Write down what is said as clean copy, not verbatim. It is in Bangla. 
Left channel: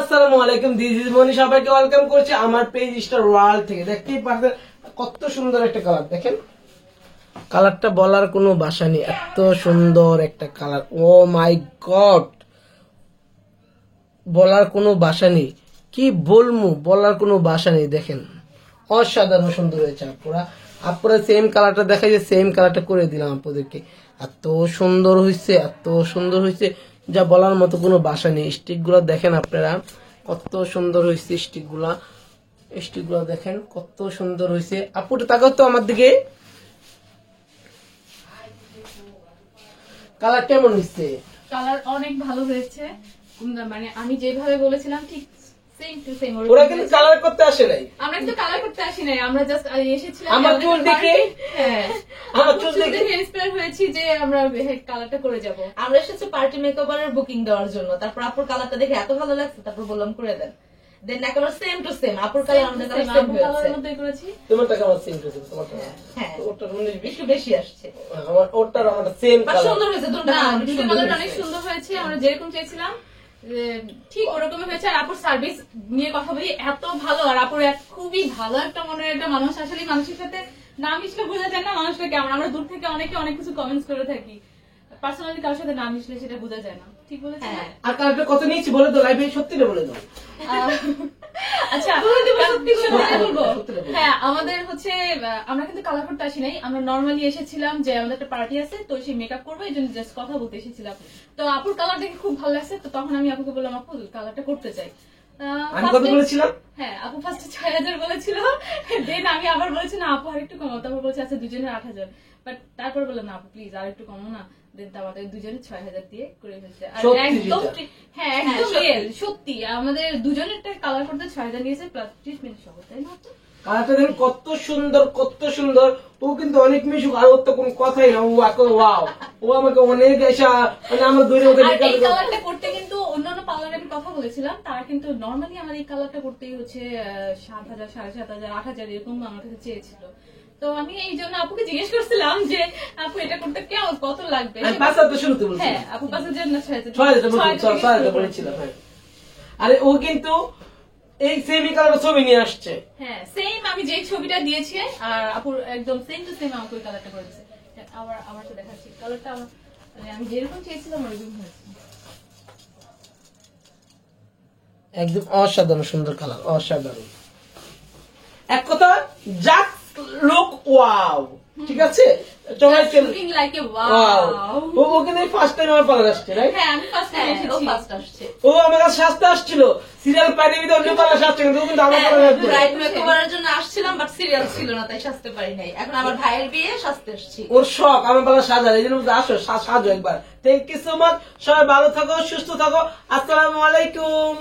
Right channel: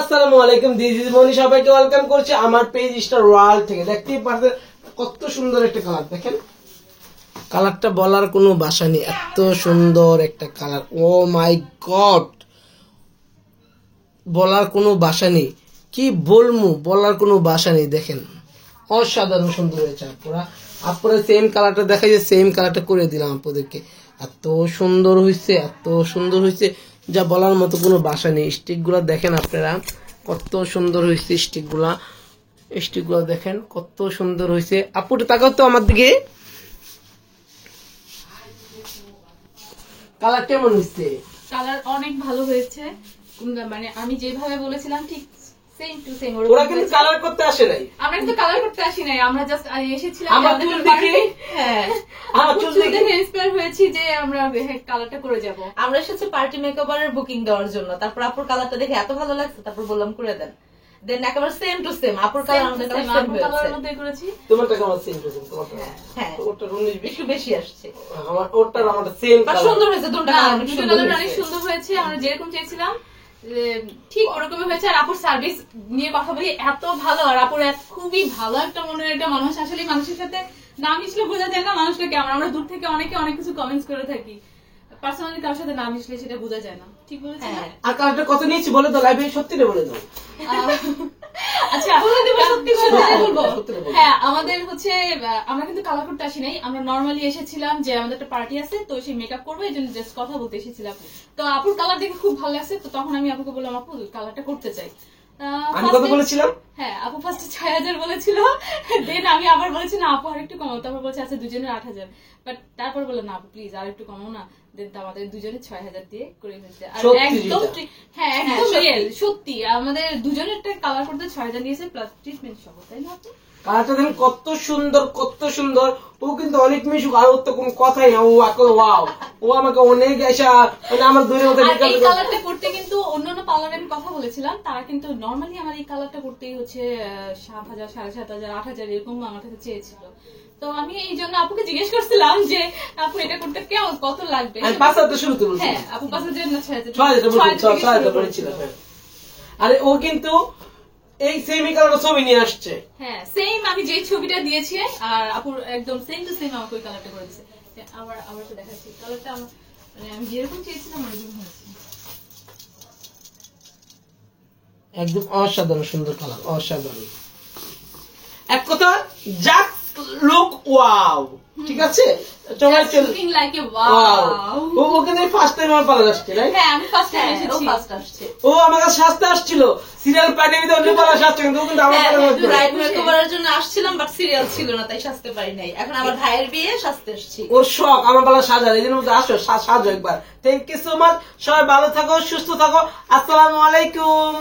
আসসালামু আলাইকুম, দিস ইজ মনি। সবাইকে ওয়েলকাম করছি আমার পেজ স্টার ওয়ার্ল্ড থেকে। দেখতেই পাচ্ছেন কত সুন্দর একটা কালার, দেখেন কালারটা বলার কোনো ভাষা নেই, এত সুন্দর একটা কালার। ও মাই গড, বলার কোনো ভাষা নেই, কি বলবো, বলার কোনো ভাষা নেই। দেখেন অসাধারণ সুন্দর হয়েছে। আপনারা সেম কালারটা দেখাই যে সেম কালারটা করে দিলাম আপনাদেরকে। এত সুন্দর হয়েছে, এত সুন্দর হয়েছে, যা বলার মতো কোনো ভাষা নেই। স্টিকগুলো দেখেন আপনারা কত সুন্দর হয়েছে। স্টিকগুলো দেখেন কত সুন্দর হয়েছে। আপু তাকাও তো আমার দিকে, কালার কেমন হয়েছে? কালার অনেক ভালো হয়েছে, মানে আমি যেভাবে বলেছিলাম ঠিক সেম টু সেম। ওরা কিন্তু কালার করতে আসে নাই, আমরা কিন্তু কালার করতে আসি নাই, আমরা জাস্ট এসেছিলাম আমার চুল দেখে। হ্যাঁ, আমার চুল দেখে ইন্সপায়ার হয়েছি যে আমরা কালারটা করে যাব। আমরা এসেছি পার্টি মেকওভারের বুকিং দেওয়ার জন্য। তারপর আপুর কালারটা দেখে এত ভালো লাগছে, তারপর বললাম করে দেন। দেন একেবারে সেম টু সেম আপুর কালার আমাদের কাছে সেম হয়েছে। কালারের মধ্যে করেছি। তোমারটা কেমন? Same to same. তোমারটা হ্যাঁ, ওরটা 19 একটু বেশি আসছে, আমার ওরটা আমারটা সেম বাট কালার। সুন্দর হয়েছে। দুটো না, কালার দুটো সুন্দর কালার অনেক হয়েছে। সুন্দর হয়েছে, আমরা যেরকম চেয়েছিলাম ঠিক ওরকমই হয়েছে। আর আপুর সার্ভিস নিয়ে কথা বলি, এত ভালো। আর আপুর খুবই ভালো একটা মনের একটা মানুষ। আসলে মানুষের সাথে না মিশলে বোঝা যায় না মানুষটা কেমন। আমরা দূর থেকে অনেকে অনেক কিছু কমেন্টস করে থাকি, পার্সোনালি কারোর সাথে না মিশলে সেটা বোঝা যায় না। ঠিক বলেছি না? আর কালারটা কত নিয়েছি বলে দাও, লাইভে সত্যিটা বলে দাও। আচ্ছা, সত্যি কথা বলবো। সত্যিটা বলো। হ্যাঁ, আমাদের হচ্ছে আমরা কিন্তু কালার করতে আসি নাই, আমরা নর্মালি এসেছিলাম যে আমাদের একটা পার্টি আছে, তো সেই মেকআপ করবো, এই জন্য জাস্ট কথা বলতে এসেছিলাম। তো আপুর কালার দেখে খুব ভালো লাগছে, তো তখন আমি আপুকে বললাম আপু কালারটা করতে চাই। আমি কত বলেছিলাম? হ্যাঁ, আপু ফার্স্টে 6000 বলেছিল, দেন আমি আবার বলেছি না আপু আর একটু কমাও, তারপর বলছে আচ্ছা দুজনের 8000। বাট তারপর বললাম না আপু প্লিজ আর একটু কমাও না। দেন আমাদের দুজনে 6000 দিয়ে করে ফেলছে। আর সত্যি একদম যেটা। হ্যাঁ, একদম রিয়েল সত্যি। আমাদের দুজনের কালার করতে 6000 নিয়েছে প্লাস ট্রিটমেন্ট সহ, তাই না? কালারটা দেখেন কত সুন্দর, কত সুন্দর। ও কিন্তু অনেক মিশুক, আর ওর তো কোনো কথাই না। ও ওয়াও, ও আমাকে অনেক এসা মানে আমার দূরের মতো আর এই কালারটা করতে কিন্তু অন্যান্য পার্লারে আমি কথা বলেছিলাম, তারা কিন্তু নর্মালি আমার এই কালারটা করতেই হচ্ছে 7000, 7500, 8000 এরকম আমার কাছে চেয়েছিল। তো আমি এই জন্য আপুকে জিজ্ঞেস করছিলাম যে আপু এটা করতে কেমন কত লাগবে। আর 5000 শুরুতে বলছি। হ্যাঁ, আপু 5000 না 6000 6000 বলেছিল। হ্যাঁ, আরে ও কিন্তু এই সেমি কালার ছবি নিয়ে আসছে। হ্যাঁ, সেম আমি যে ছবিটা দিয়েছি আর আপুর একদম সেম টু সেম আমাকে ওই কালারটা করে দিয়েছে। আবার তো দেখাচ্ছি কালারটা আমার, মানে আমি যেরকম চেয়েছিলাম ওরকম হয়েছে। একদম অসাধারণ সুন্দর কালার, অসাধারণ। এক কথা জাস্ট লুক ওয়াও। ঠিক আছে, তোমার Just looking like a wow. ও কিন্তু ফার্স্ট টাইম আমার পার্লার আসছে, রাইট? হ্যাঁ, আমি ফার্স্ট টাইম ও এসেছি। ফার্স্ট আসছে। ও আমার কাছে সাজতে আসছিল, সিরিয়াল পাইনি তো অন্য পার্লার সাজছে, কিন্তু আমার পার্লার ব্রাইড মেকওভারের জন্য আসছিলাম, বাট সিরিয়াল ছিল না, তাই সাজতে পারি নাই। এখন আমার ভাইয়ের বিয়ে, সাজতে আসছি। ওর শখ আমার পার্লার সাজার, এই জন্য বলছে, আসো সাজো একবার। Thank you so much. সবাই ভালো থাকো, সুস্থ থাকো। আসসালামু আলাইকুম।